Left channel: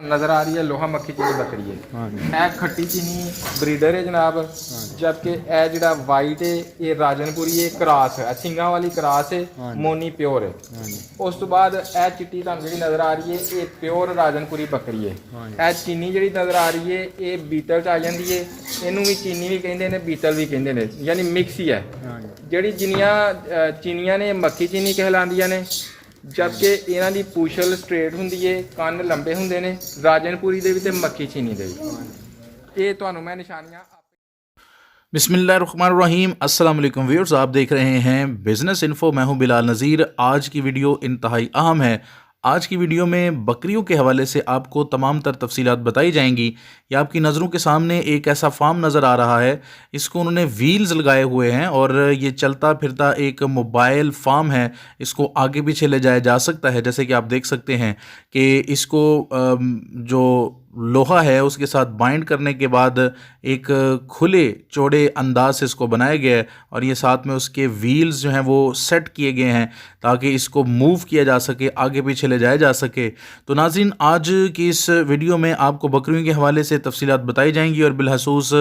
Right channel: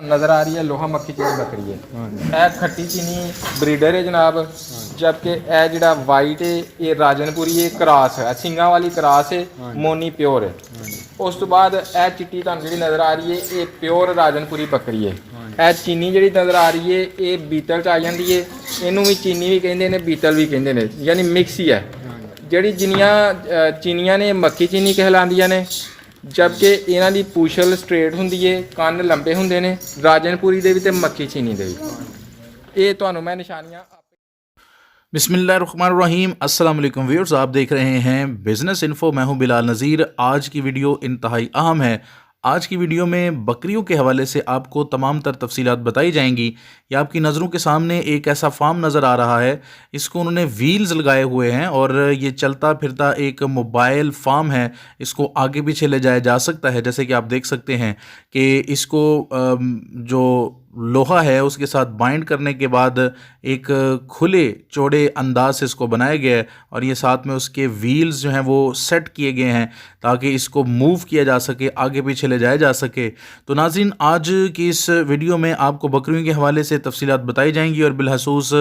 नज़र आ रही है लोहा मक्खी चीनी बकरी है। ए खट्टी चीनी ब्रीडर है जनाब, जबकि ए जड़ा वाइट है ये राजनपुरी है क्रॉस है, सिंगा वाली क्रॉस है, मोनी प्योर है। उस तो बाद ए चिट्टी तुहानू जी नज़र आ रही है ये प्योर राजनपुरी बकरी है। ए चीनी जी नज़र आ रही है ये बीतल च आ जाती है, इनू भी चीनी भी कहते हैं बीतल भी कहते हैं, यानी मिक्स ही है। ਜਿਹੜੀ ਜਿੰਨੀਆਂ ਚੀਨੀਆਂ ਨੇ ਮੱਖੀ ਚੀਨੀ कहलांदियां ने, जबकि इन्हां दी पूछल स्ट्रेट हुंदी है, ਕੰਨ लंबे हुंदे ने राजनपुरी दे भी ते मक्खी चीनी दे भी। ये तुहानू मैं निशानियां बिस्मिल्लाहिर्रहमानिर्रहीम। अस्सलाम वालेकुम व्यूअर्स, आप देख रहे हैं बिज़नेस इन्फो। मैं हूं बिलाल नज़ीर। आज की वीडियो इंतहाई अहम है। आज की वीडियो में बकरियों के हवाले से आपको तमाम तर तफसीलात बताई जाएंगी। ये आपकी नज़रों के सामने एक ऐसा फार्म नज़र आ रहा है, इसको उन्होंने व्हील्स लगाए हुए हैं और ये चलता फिरता एक मोबाइल फार्म है। इसको आगे पीछे ले जाया जा सकता है, जैसे कि आप देख सकते हैं कि इसको जो लोहा है उसके साथ बाइंड करने के बाद एक खुले चौड़े अंदाज से इसको बनाया गया है और ये साथ में उसके व्हील्स जो हैं वो सेट किए गए हैं ताकि इसको मूव किया जा सके, आगे पीछे ले जाया जा सके। तो नाज़रीन, आज की इस वीडियो में आपको बकरियों के हवाले से तफसीलात बताई जाएंगी और बिलखसूस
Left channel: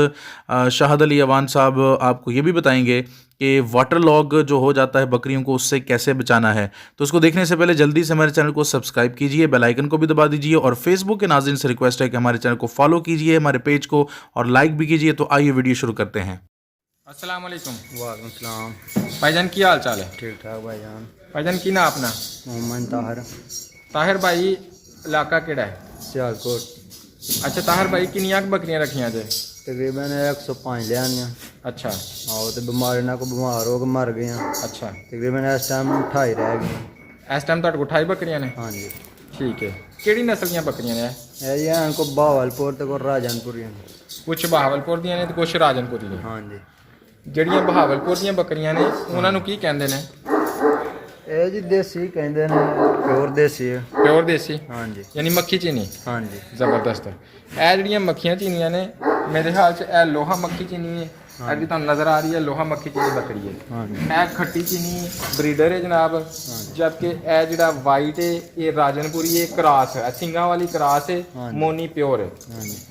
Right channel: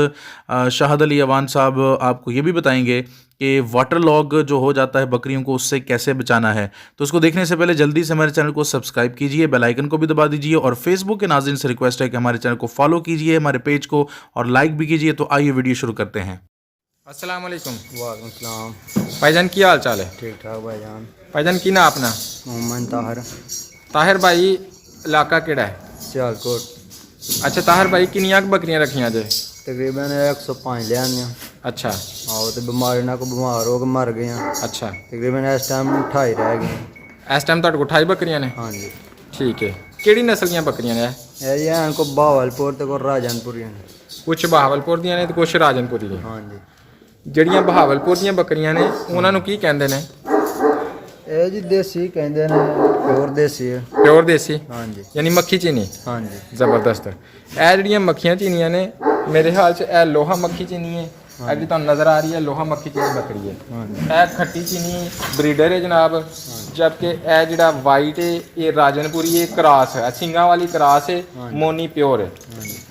शाहद अली अवान साहब आपको ये भी बताएंगे कि वाटर लॉग जो हो जाता है बकरियों को उससे कैसे बचाना है। तो उसको देखने से पहले जल्दी से हमारे चैनल को सब्सक्राइब कीजिए, बेल आइकन को भी दबा दीजिए और फेसबुक के नाज़रीन से रिक्वेस्ट है कि हमारे चैनल को फॉलो कीजिए, हमारे पेज को, और लाइक भी कीजिए। तो आइए वीडियो शुरू करते हैं। अस्सलाम वालेकुम। वालेकुम सलाम। भाईजान की हाल चाल है? ठीक ठाक भाईजान। भाईजान की ना अपना? मोहम्मद ताहिर। ताहिर भाई इलाका केड़ा है? सियालकोट। अच्छा ताहिर भाई किनियां बकरियां रखियां जे? तकरीबन 105 लिया। अच्छा। आओ तो बीमारी ना को बीमार हो के मर गए हैं। अच्छा। तकरीबन इस टाइम 28 रह गए। इस टाइम तुहाडे कोल 28 बकरियां ने? हाँ जी। ठीक है। केड़ी नस्ल दी बकरियां ने? ये इनको बहावलपुर ते को राजनपुरी हैं। कुछ बहावलपुर दियां ने ते कुछ राजनपुरी ने। हाँ जी। ਜਿਹੜੀਆਂ ਬਹਾਵਲਪੁਰ ਦੀਆਂ ਬੱਕਰੀਆਂ ਨੇ ਉਹਨਾਂ ਨੂੰ ਕੀ ਕਹਿੰਦੇ ਨੇ? ਇਹ ਜੀ ਦੇਸੀ ਕਹਿੰਦੇ ਨੇ, ਪਿਓਰ ਦੇਸੀ ਹੈ। ਪਿਓਰ ਦੇਸੀ? हाँ जी। ਯਾਨੀ ਮੱਖੀ ਚੀਨੀ? हाँ जी। ਜ਼ਬਰਦਸਤ। ਇਹ ਜਿਹੜੀਆਂ ਮੱਖੀਆਂ ਚੀਨੀਆਂ ਨੇ ਮੇਰੇ ਖਿਆਲ 'ਚ ਇਹ ਲੋਹਾ ਮੱਖੀ ਚੀਨੀ ਹੈ। ਇਹ ਜਿਹੜੀ ਤੁਹਾਨੂੰ ਨਜ਼ਰ ਆ ਰਹੀ ਹੈ ਲੋਹਾ ਮੱਖੀ ਚੀਨੀ ਬੱਕਰੀ ਹੈ। ਇਹ ਖੱਟੀ ਚੀਨੀ ਬਰੀਡਰ ਹੈ ਜਨਾਬ, जबकि ਇਹ ਜਿਹੜਾ ਵਾਈਟ ਹੈ ਇਹ ਰਾਜਨਪੁਰੀ ਹੈ क्रॉस है, ਸਿੰਗਾ ਵਾਲੀ क्रॉस है, मोनी प्योर है।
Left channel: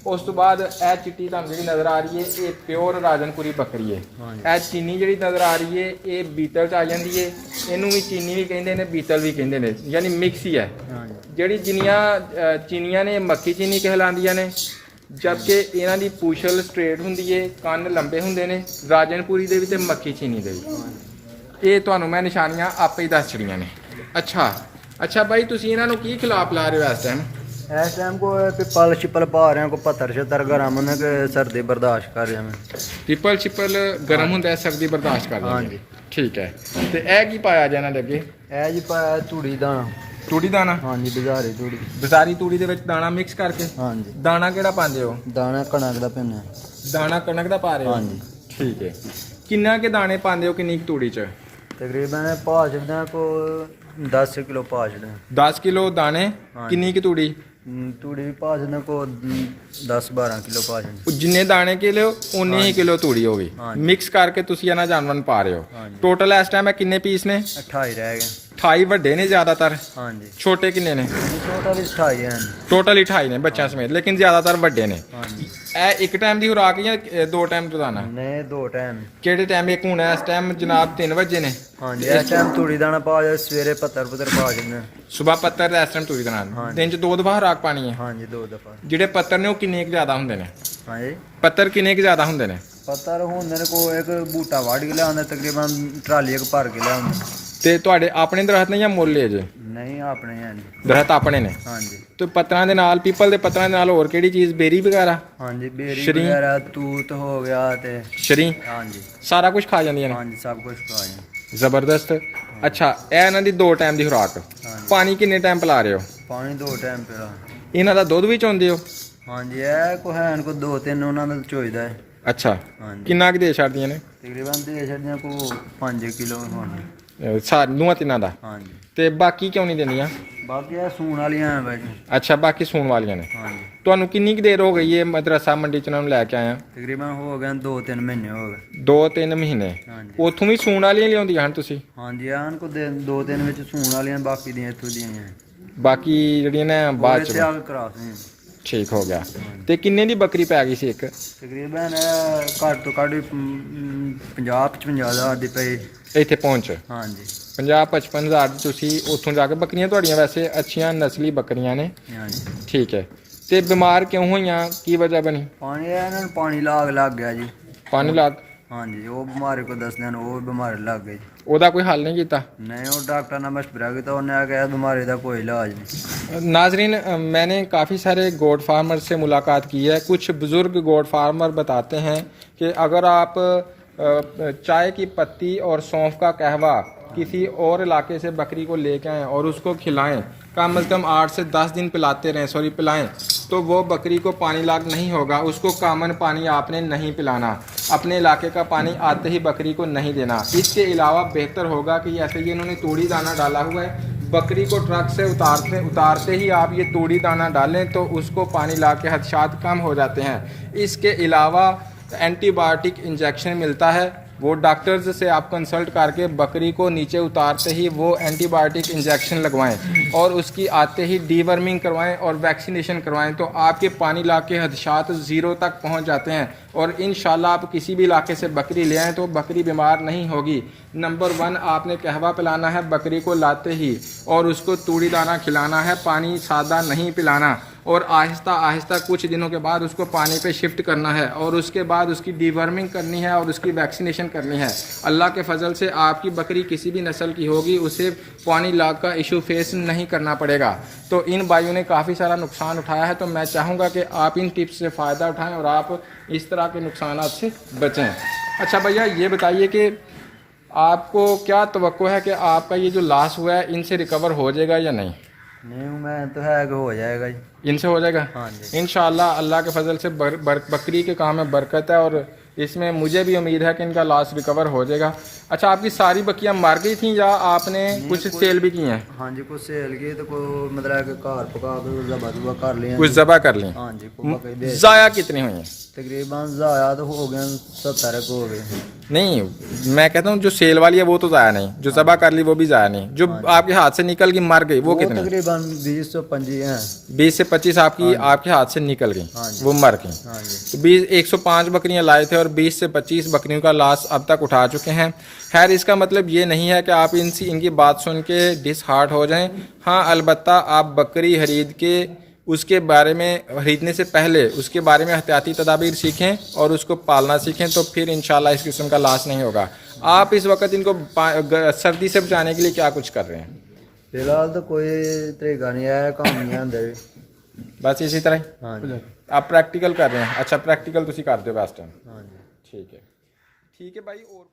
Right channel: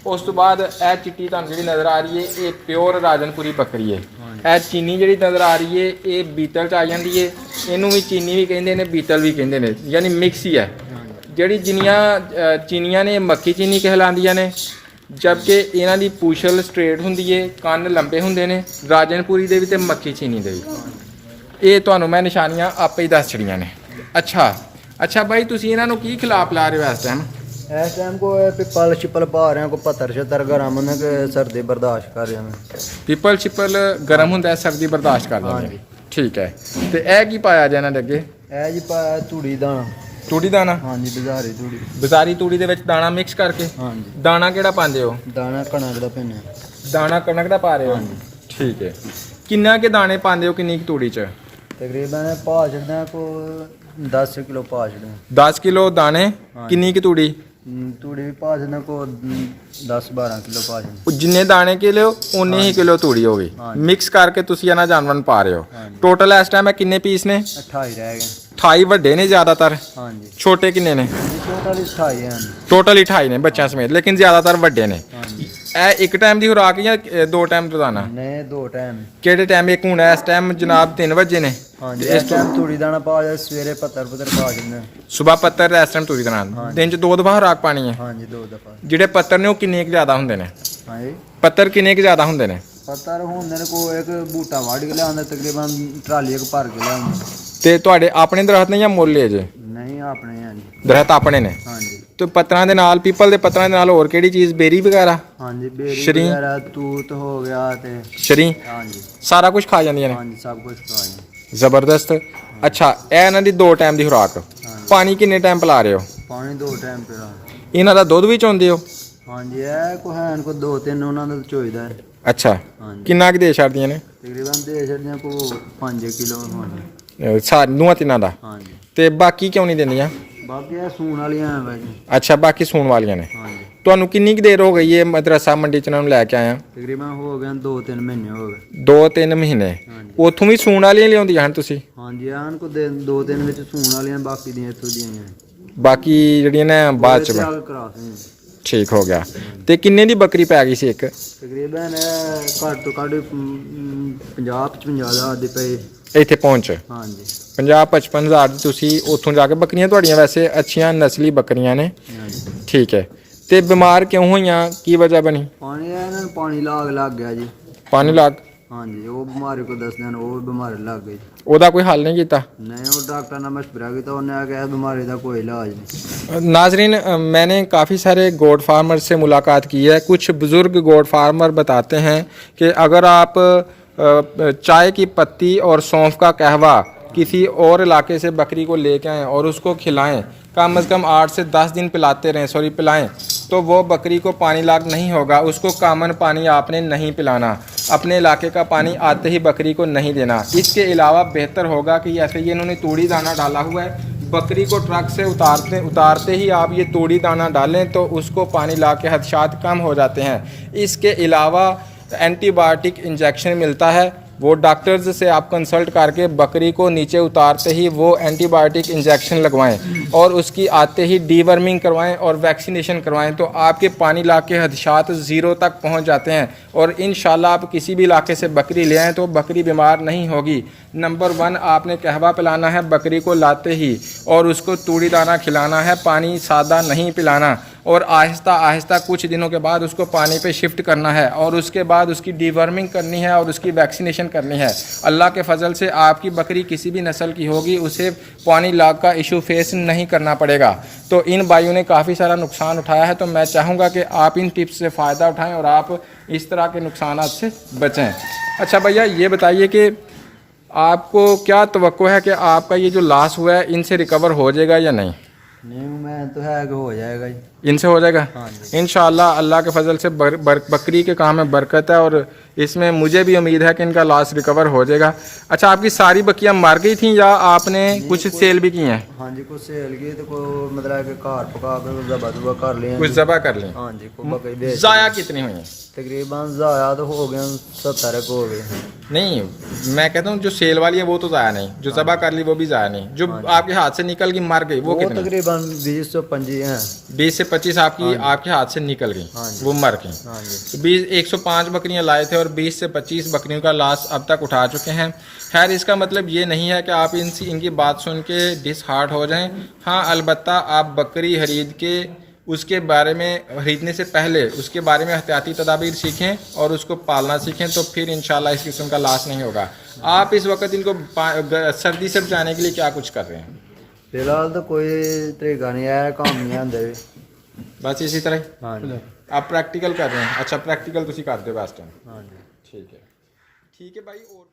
ਉਸ ਤੋਂ ਬਾਅਦ ਇਹ ਚਿੱਟੀ ਤੁਹਾਨੂੰ ਜਿਹੜੀ ਨਜ਼ਰ ਆ ਰਹੀ ਹੈ ਇਹ ਪਿਓਰ ਰਾਜਨਪੁਰੀ ਬੱਕਰੀ ਹੈ। ਇਹ ਚੀਨੀ ਜਿਹੜੀ ਨਜ਼ਰ ਆ ਰਹੀ ਹੈ ਇਹ ਬੀਤਲ 'ਚ ਆ ਜਾਂਦੀ ਹੈ, ਇਹਨੂੰ ਵੀ ਚੀਨੀ ਵੀ ਕਹਿੰਦੇ ਨੇ ਬੀਤਲ ਵੀ ਕਹਿੰਦੇ ਨੇ, ਯਾਨੀ ਮਿਕਸ ਹੀ ਹੈ। ਜਿਹੜੀ ਜਿੰਨੀਆਂ ਚੀਨੀਆਂ ਨੇ ਮੱਖੀ ਚੀਨੀ कहलांदियां ਨੇ, जबकि इन्हां दी पूछल स्ट्रेट हुंदी है, ਕੰਨ लंबे हुंदे ने राजनपुरी दे भी ते मक्खी चीनी दे भी। ये तुहानू मैं निशानियां आपे ही दस छड़ियां ने। अच्छा भाई तुसीं इन्हां नू की खिला पिला रहे हो इस टाइम? इस टाइम को पिपल शिपल पा रहे हैं, को 75 ग्राम ने के सर्दी बर्दाश्त कर रहे हैं। पिपल शिपल गर्म हुंदा है, सर्दी बर्दाश्त कर हाँ लेंगे। जी। ठीक है। ते ए की पाया जा इन्हां दे अगे? ए जी पाया तूड़ी दाना। तूड़ी दाना? हाँ जी। बाजारी तूड़ी। बाजारी तूड़ी दे विच दाना मिक्स करके? हाँ जी। दाना केड़ा पांदे हो? दाना कणक दा पेने। दाना कणक दा पा रहे हो? हाँ जी। ठीक है। किन्ना के दाने पांदे हो किन्नी तूड़ी च? तकरीबन पा छड़ना को 10 किलो पा छड़ना। 10 किलो दाने? हाँ। किन्नी की तूड़ी? तूड़ी भी पा छड़ना को 10-12 किलो पा छड़ना। जिन्ने दाने के लियो उन्नी ही किलो तूड़ी हो गई। हाँ। मिक्स करके तुसी इन्हां जानवर पा रहे हो। हाँ जी। टोटल इस टाइम किन्ने पीस ने? 28 रह गए। 28 ਵੱਡੇ ਨੇ ਜ਼ਿਆਦਾਤਰ? हाँ जी। ਛੋਟੇ ਕਿੰਨੇ ਨੇ? टोटल 28 हैं। ਟੋਟਲ 28 ਨੇ ਬੱਚਿਆਂ ਸਮੇਤ, ਲੇਕਿਨ ਜ਼ਿਆਦਾਤਰ ਵੱਡੇ ਨੇ। हाँ जी। ਇਹ ਇੱਕ ਟਾਈਮ ਦੀ ਖੁਰਾਕ ਜਾਂ ਦੋ ਟਾਈਮ ਰੋਜ਼ਾਨਾ? नहीं 2 टाइम। ਕਿਹੜੇ ਟਾਈਮ? ਇੱਕ ਹੁਣ ਇਸ ਟਾਈਮ ਜਨਾਬ 3 ਵਜੇ ਨੇ। हाँ जी। इस टाइम तूड़ी दाना पा जाए, सवेरे पत्थर पा छड़ना। ਸਵੇਰ ਪੱਤਰ ਇਸ ਟਾਈਮ ਤੂੜੀ ਦੇਣਾ। हाँ। ਦਿਨ ਚ 2 ਦਫਾ ਖੁਰਾਕ ਪਾਣੀ ਹੈ? हाँ जी 2 दफा। ਜਿਹੜੇ ਪੱਤਰ ਨੇ ਉਹ ਕਿੰਨੇ ਕੁ ਜ਼ਿਆਦਾ ਹੁੰਦੇ ਨੇ? हाँ जी। ਪੱਤਰ ਕਿੰਨੇ ਕੁ ਜ਼ਿਆਦਾ ਹੁੰਦੇ ਨੇ? पत्थर होंदे को एक बूटा वाड़ के लिया तकरीबन ट्राली एक भर के लिया। ਤੇ ਤੁਹਾਡੇ ਆਪਣੇ ਦਰਖਤ ਨੇ ਜਾਂ ਮੁੱਲ ਲਏ ਜੇ? नहीं अपने हैं जी। ਦਰਖਤ ਆਪਣੇ ਨੇ? हाँ जी। ਤੇ ਪੱਤਰਾਂ ਦੇ ਨਾਲ, ਪੀਪਲ ਦੇ ਪੱਤਰਾਂ ਦੇ ਨਾਲ ਹੋਰ ਕਿਹੜੀ ਚੀਜ਼? ਬੇਰੀ ਵਗੈਰਾ? हाँ जी। बेरी शरीं? वगैरह तूत हो गया ते। ਸ਼ਰੀ हाँ जी। ਸਾਰਾ ਕੁਝ ਖਾ ਜਾਂਦੀਆਂ ਨੇ? हाँ जी सब कुछ खा जाए। ਜ਼ਬਰਦਸਤ। ਅੱਛਾ, ਇਹ ਇਹਨਾਂ ਦੀ 2 ਟਾਈਮ ਦੀ ਖੁਰਾਕ। हाँ जी। ਪਾਣੀ ਕਿੰਨੇ ਟਾਈਮ ਪਿਲਾ ਰਹੇ ਹੋ? पानी 2 टाइम पिला। ਇਹਨਾਂ ਦਾ ਦੁੱਧ ਵੀ ਚੋਂਦੇ ਹੋ? हाँ जी। है को है इनको 2-3 उन्होंने चोईदा है। ਅੱਛਾ, हाँ जी। ਕਿੰਨਾ ਕੁ ਦੇ ਛੱਡਦੀਆਂ ਨੇ? तकरीबन दे छड़ियां को 5 किलो होने। ਸਾਰੀਆਂ ਤਿੰਨਾਂ ਦਾ? हाँ जी। ਤੇ ਬਾਕੀ ਕਿਉਂ ਨਹੀਂ ਦਿੰਦੀਆਂ? बाकी है सून वाली हैं भाई। ਅੱਛਾ, ਬਾਕੀ ਸੂਣ ਵਾਲੀਆਂ ਨੇ। हाँ जी। ਤੁਹਾਨੂੰ ਕਿੰਨੀ ਕੁ ਦੇਰ ਹੋ ਗਈ ਇਹ ਮਦਰਸਾ ਮੰਡੀ ਚ ਇਹਨਾਂ ਨੂੰ ਲੈ ਕੇ ਆਇਆ? तकरीबन हो गए 2-3 महीने हो गए। 2-3 ਮਹੀਨੇ। हाँ जी। ਉੱਥੋਂ ਵੀ ਸੂਣ ਵਾਲੀਆਂ ਲਿਆਉਂਦੀਆਂ ਹਨ ਤੁਸੀਂ? हाँ जी। आन को 2-3 ਵਿੱਚ सून वालियां बाकी ਦੀਆਂ ਇੱਥੋਂ ਦੀਆਂ हैं। ਬਾਕੀ ਜਿਹੜੀਆਂ ਨੇ ਬਾਅਦ ਚ? ਇੱਥੇ ਆ ਕੇ ਕਰਾ ਸਕਦੇ ਠੀਕ ਹੋ ਗਿਆ। ਤੇ ਕਿੰਨੇ ਦੀ ਬੱਕਰੀ ਪੈ ਗਈ ਸੀ ਇੱਕ? ਤਕਰੀਬਨ ਘੱਟ ਤੋਂ ਘੱਟ 50-55 ਹਜ਼ਾਰ ਦੀ ਪਈ। ਇੱਥੇ ਪਹੁੰਚ ਹਾਂਜੀ 50-55 ਹਜ਼ਾਰ ਦੀ ਤੁਸੀਂ ਉੱਥੋਂ ਜਾ ਕੇ ਬੱਕਰੀਆਂ ਤੁਹਾਡੀਆਂ ਵੈਸੇ ਅੱਛੀਆਂ ਨਸਲੀ ਬੱਕਰੀਆਂ ਨੇ, ਹਾਂਜੀ। ਠੀਕ ਹੈ। ਤੇ ਬਿਮਾਰ ਕਿਉਂ ਹੋਈਆਂ, ਕੀ ਵਜ੍ਹਾ ਬਣੀ? ਪਾਣੀ ਇਹਨਾਂ ਨੂੰ ਪਾਣੀ ਲੱਗ ਗਿਆ ਜੀ। ਪਾਣੀ ਲੱਗ, ਹਾਂਜੀ ਉਹ ਬਿਮਾਰੀ ਕੋ ਦੱਸਦੇ ਹਨ, ਉਹ ਬਿਮਾਰੀ ਲੱਗ ਗਈ ਜੀ। ਉਹਦਾ ਕੋਈ ਹੱਲ ਨਹੀਂ ਕੀਤਾ? नहीं वो डॉक्टर ने मशवरा किया तो उन्हें कहा बीमारी का कोई इलाज नहीं। नाजरीन, मैंने काफ़ी सारे गोट फार्मर से मुलाकात की है। कुछ बुज़ुर्ग गोट फार्मर बताते हैं कि अगर आप चाय की पत्ती और सौंफ का कहवा किसी और इलाके से बकरी को लेके आएँ और उसको खिलाएं, कम से कम 8 से 10 दिन पिलाएं, तो वो बकरी को पानी लाग नहीं होगा। उसको कामन पानी आपने नहीं पिलाना, अपने इलाके का पानी आते ही बकरी को नहीं देना। इसके अलावा बेहतर होगा कि ऐसे ये इन्होंने तूड़ी दाना डाला हुआ है, बकरी को ट्रक से उतारते ही आप ये तूड़ी दाना डालें तो उसको पानी ला के खदशात कम हो जाते हैं। इसके अलावा एंटीबायोटिक इंजेक्शन मिलता है, वो डॉक्टर्स से आप कंसल्ट करके बकरी को नीचे उतारते ही वो एंटीबायोटिक इंजेक्शन लगवाएं और उसकी आते ही डीवर्मिंग करवाएं और वैक्सीनेशन करवाएं, तो आपके पानी लाके हदशात ज़ीरो तक पहुंच जाते हैं और इंशाल्लाह आप किसी भी इलाके से बकरी ले आएँ तो बकरी बीमार नहीं होगी। नंबर 1 आपने कहवा पिलाना है बकरी को लाते ही और उसको तूड़ी दाना खिलाना है, पानी सादा नहीं पिलाना और आहिस्ता आहिस्ता कुछ दिनों के बाद उसको पानी पे शिफ्ट करना है और उसके बाद उसकी डीवर्मिंग करनी है और उसकी वैक्सीनेशन करनी है। अल्लाह के फजल से आपकी बकरी किसी भी नस्ल की होगी, उसे पानी लाग का इशू फेस नहीं करना पड़ेगा। तो इन भाइयों ने काफ़ी सारा नुकसान उठाया है, तो मैं चाहूँगा कि आप इन टिप्स से फ़ायदा उठाएँ और आप इस तरह के नुकसान से बचें। अच्छा भैया, ये बताइए कि आपको क्या तवक्को है कि आपका ये जो लॉस हुआ है इनसे रिकवर हो जाएगा या नहीं? नहीं मैं तो है कि हो जाएगा जी। इनसे हो जाएगा हाँ जी। इंशाल्लाह। अल्लाह के फजल से बकरी के काम में बरकत है और इसमें मुझे भी उम्मीद है कि इनका लॉस रिकवर हो जाएगा। अच्छा, आपकी सारी बकरियां मर गई थी या आपने कुछ सेल भी की हैं? हाँ जी कुछ सेल की तो को मतलब कि कार पका के ज़बा कर लिए। कुछ ज़बा कर ली? हाँ जी को बकरी बेच। ज़ाया कितनी हुई हैं? तकरीबन ज़ाया तो हो गए 70 को हो गए। नहीं, मैं कहता हूँ जो सेल वाली है वो तो ज़ाया नहीं, जो ज़बा कर ली वो भी ज़ाया नहीं, जो आपके हाथ से निकल गई मर गई वो कितनी? तकरीबन 20 से 25 हैं। 20 से 25 आपके हाथ से निकल गई, वो मर गई। हाँ जी 105 बकरियां लाए थे और 20 से 25 बकरियों का लॉस अब तक उठा चुके हैं। खैर, इसका मतलब ये नहीं है कि आप इनकी बात सुन के डिसहार्ट हो जाएं। हाँ, अलबत्ता आप बकरी खरीद के उसके बारे में खरीदने से पहले उसके बारे में एहतियाती तदाबीर सीखें और उसको पालना सीखें, तो फिर इंशाल्लाह इस किस्म का लॉस नहीं होगा। आप इस वक्त इनको सर्दी से बचाने के लिए क्या कुछ कर रहे हैं? फिलहाल तो कोई तरीका नहीं है, काम नहीं आंदे बस इसी तरह? हाँ जी आप प्रैक्टिकल कर रहे हैं? अच्छा, प्रैक्टिकल तुसी करते हो बेस्ट टाइम। हाँ जी ठीक है भाई। और